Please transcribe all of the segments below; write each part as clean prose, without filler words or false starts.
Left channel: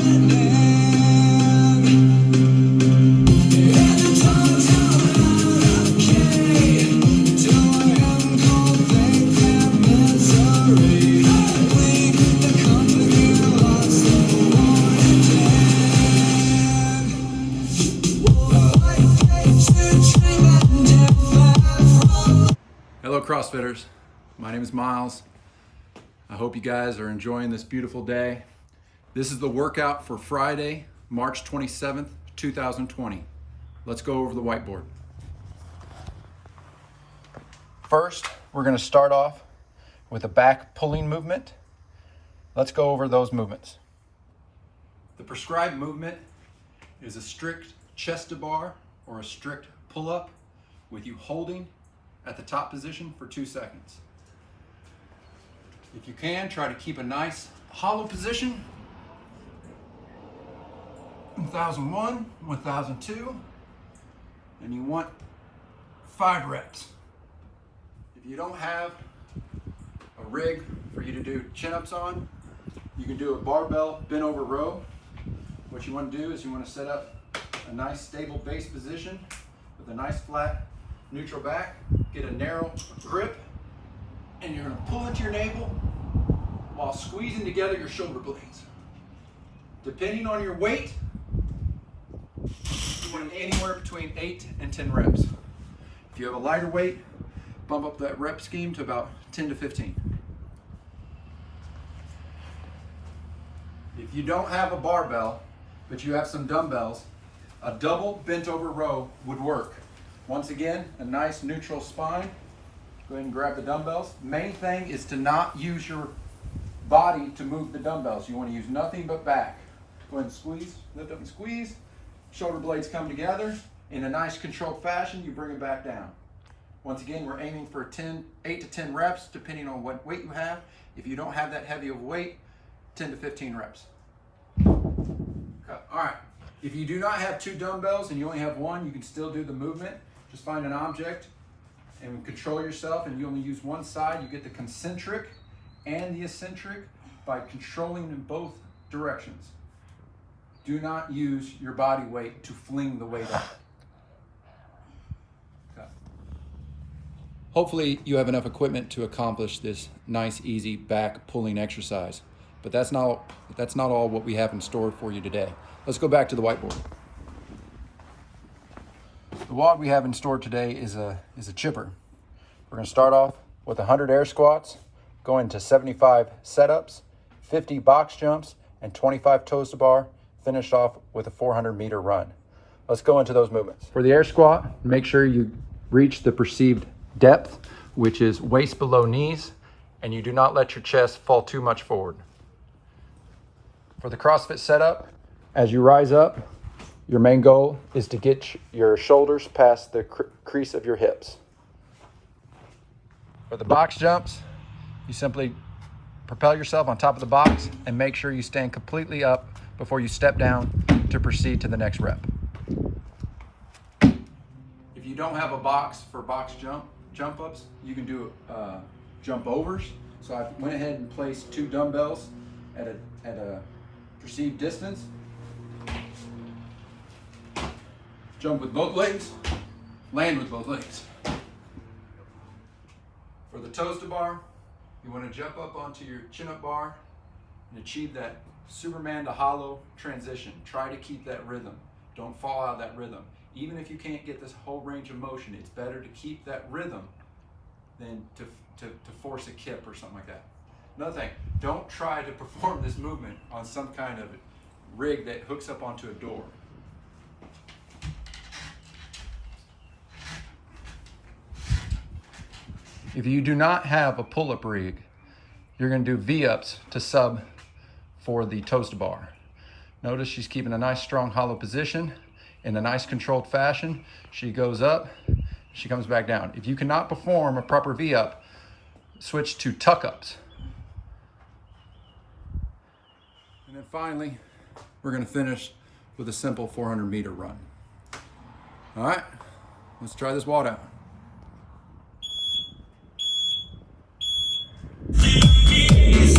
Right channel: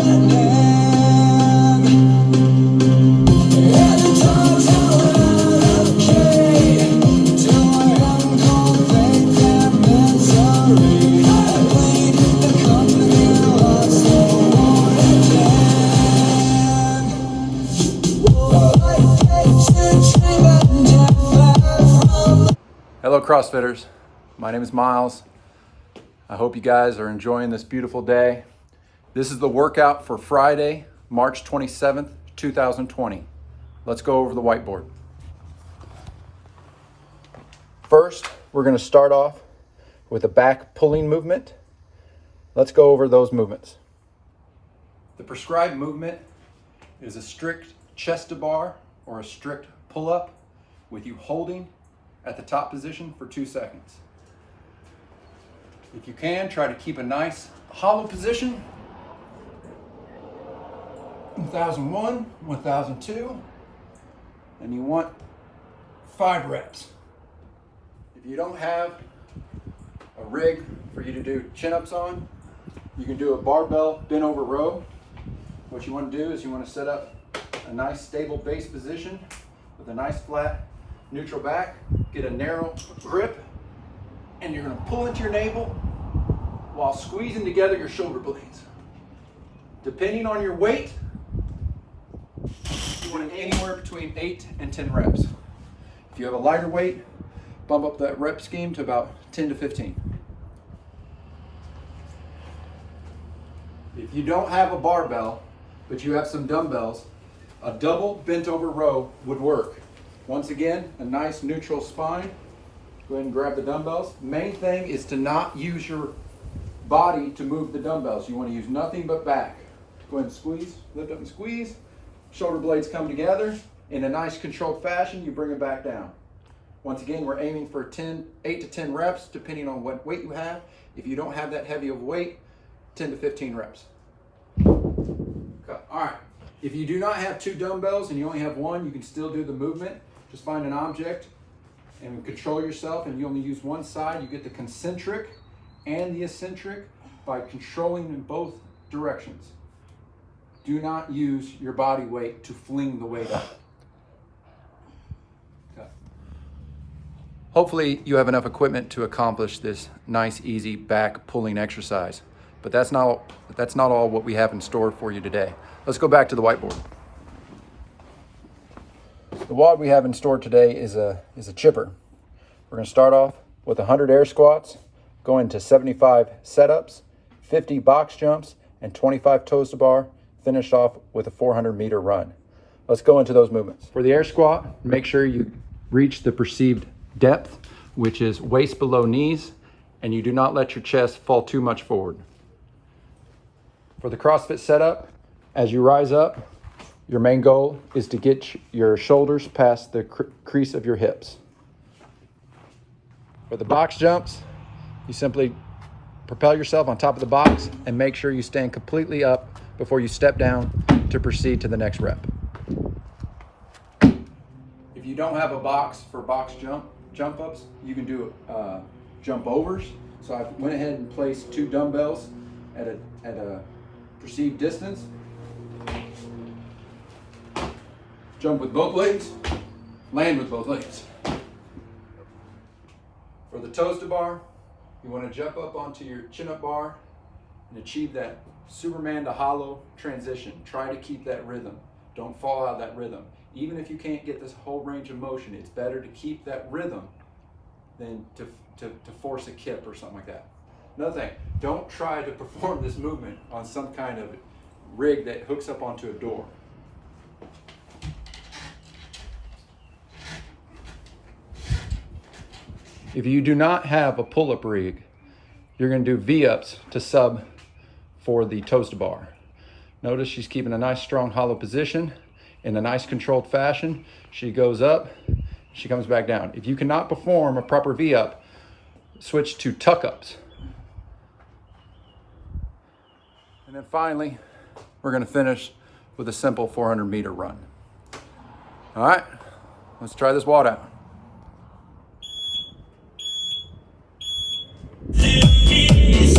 Hello CrossFitters, my name is Miles. I hope you guys are enjoying this beautiful day. This is the workout for Friday, March 27th, 2020. Let's go over the whiteboard. First, we're going to start off with a back pulling movement. Let's go over those movements. The prescribed movement is a strict chest to bar or a strict pull-up with you holding at the top position for 2 seconds. If you can, try to keep a nice hollow position. 1001, 1002, and you want 5 reps. If you don't have a rig for you to do chin-ups on, you can do a barbell bent over row. What you want to do is you want to set up a nice stable base position with a nice flat neutral back, get a narrow grip, and you're going to pull into your navel while squeezing together your shoulder blades. Depending on your weight, you want anywhere between 8 and 10 reps. If you have a lighter weight, bump up that rep scheme to about 10 to 15. If you don't have a barbell, but you have some dumbbells, a double bent over row would work. Once again, a nice neutral spine. Go ahead and grab the dumbbells. Main thing is to not use your body to move the dumbbells. You want to use nothing but back. Go ahead and squeeze, lift up and squeeze. Shoulder blades come together in a nice controlled fashion. You bring them back down. Once again, we're aiming for 8 to 10 reps, depending on what weight you have. If you don't have that heavy of weight, 10 to 15 reps. Okay. All right. If you do not have 2 dumbbells and you only have 1, you can still do the movement. Just find an object and control yourself, and you only use one side. You get the concentric and the eccentric by controlling in both directions. Do not use your body weight to fling the weight up. Okay. Hopefully you have enough equipment to accomplish this nice, easy back pulling exercise. But that's not all what we have in store for you today. Let's go back to the whiteboard. The WOD we have in store today is a chipper. We're going to start off with 100 air squats, going to 75 setups, 50 box jumps, and 25 toes to bar, finished off with a 400-meter run. Let's go into those movements. For the air squat, make sure you reach the perceived depth, which is waist below knees, and you do not let your chest fall too much forward. For the CrossFit setup, as you rise up, your main goal is to get your shoulders past the crease of your hips. For the box jumps, you simply propel yourself on top of the box and make sure you stand completely up before you step down to proceed to the next rep. If you don't have a box for box jump ups, you can do jump overs. So I went ahead and placed 2 dumbbells at a perceived distance. Jump with both legs, land with both legs. For the toes to bar, you want to jump up onto your chin-up bar and achieve that Superman to hollow transition. Try to keep that rhythm. Don't fall out of that rhythm. Even if you can't get this whole range of motion, it's better to keep that rhythm than to force a kip or something like that. Another thing, don't try to perform this movement on some kind of rig that hooks up onto a door. If you do not have a pull-up rig, you're going to do V-ups to sub for the toes to bar. Notice she's keeping a nice strong hollow position in a nice controlled fashion. She goes up, she comes back down. If you cannot perform a proper V-up, switch to tuck-ups. And then finally, we're going to finish with a simple 400-meter run. All right, let's try this WOD out. Release.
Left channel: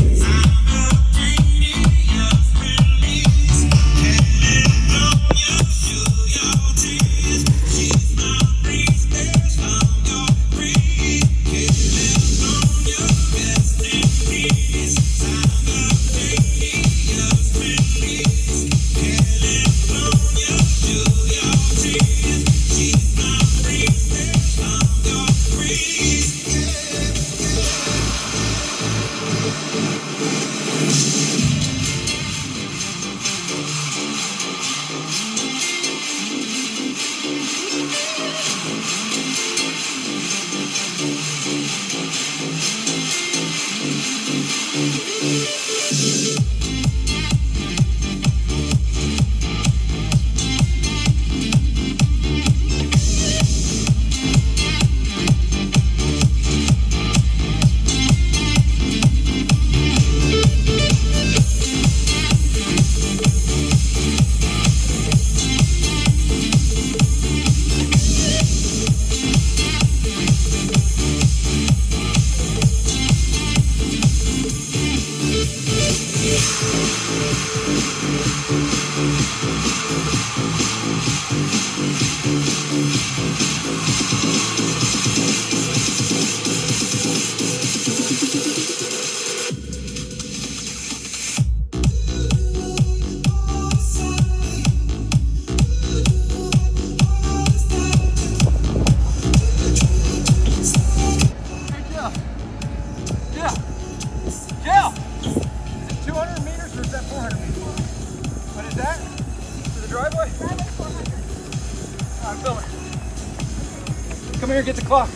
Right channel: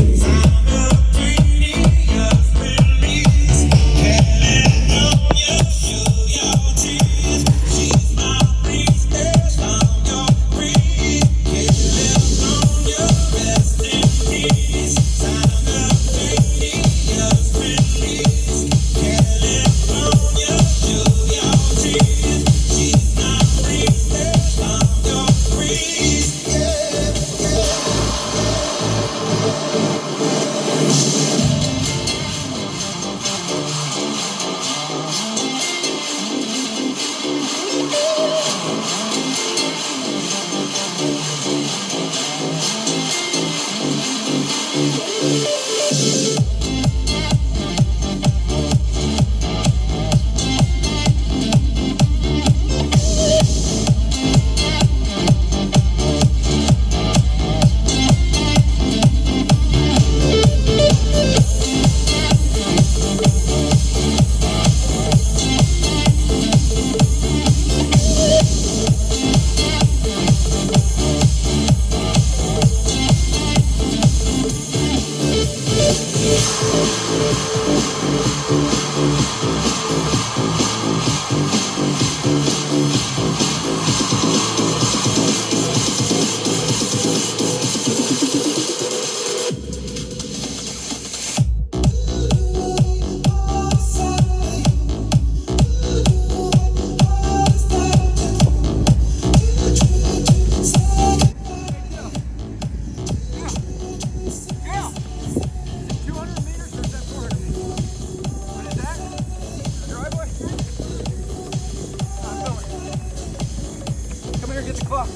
Come here, get the clock.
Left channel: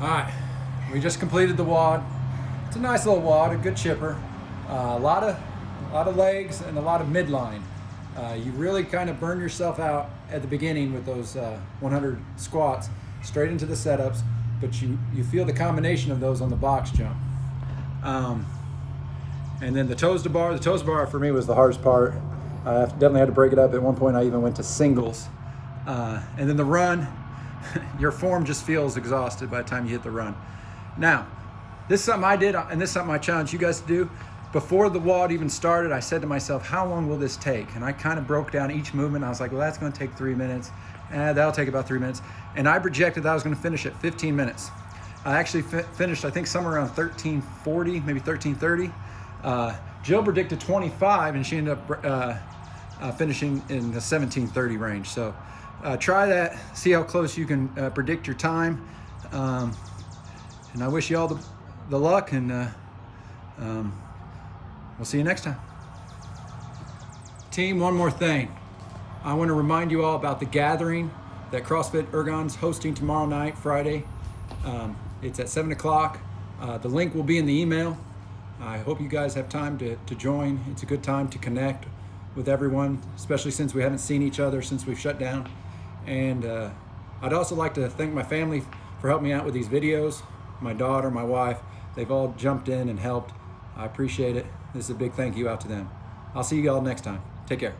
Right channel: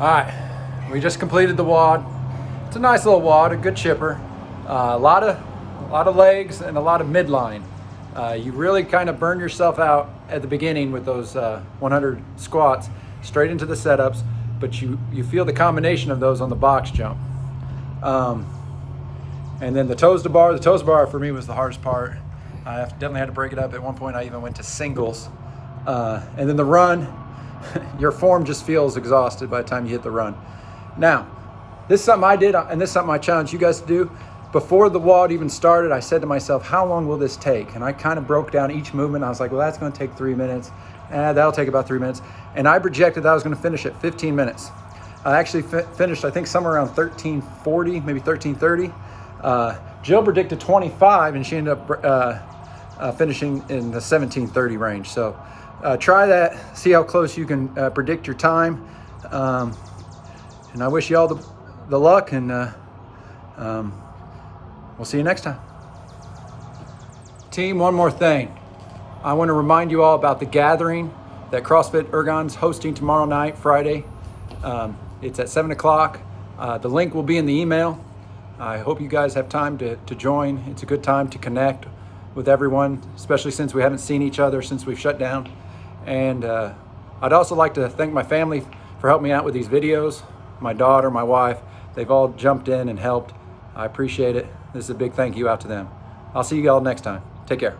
All right, we just completed the WOD. It's a nice little WOD, a good chipper. A lot of legs and a lot of midline. You really kind of burn yourself out at the beginning with those 100 squats straight into the setups, but you feel the combination of those on the box jump. And then the toes to bar. The toes to bar for me was the hardest part. I definitely had to break it up. At one point I even went to singles. And then the run, your form just feels exhausted by the time you hit the run. Now, this is something I did, and this is something I challenge you guys to do. Before the WOD even started, I said to myself, how long will this take? And I kind of broke down each movement. I was like, well, that's gonna take 3 minutes. That'll take about 3 minutes. And I projected that I was gonna finish at 15 minutes. I actually finished, I think, somewhere around 13:40, maybe 13:30. Jill predicted 25, and she ended up finishing in the 17:30 range. So try that, see how close you can predict your time. And I wish you all the luck, and we'll see you next time. Team, one more thing. I want to remind you all about the gathering that CrossFit Ergon's hosting tomorrow night, Friday. It's at 7 o'clock. The link will be in the email. I hope you guys have time to join. It's a good time to connect with everyone, especially since we haven't seen each other since we've shut down. And I'd also like to thank my family for helping me out with these videos. My daughter, my wife, they've all jumped in and helped. I appreciate it. This is a big thank you out to them. I'll see you all next time. Take care.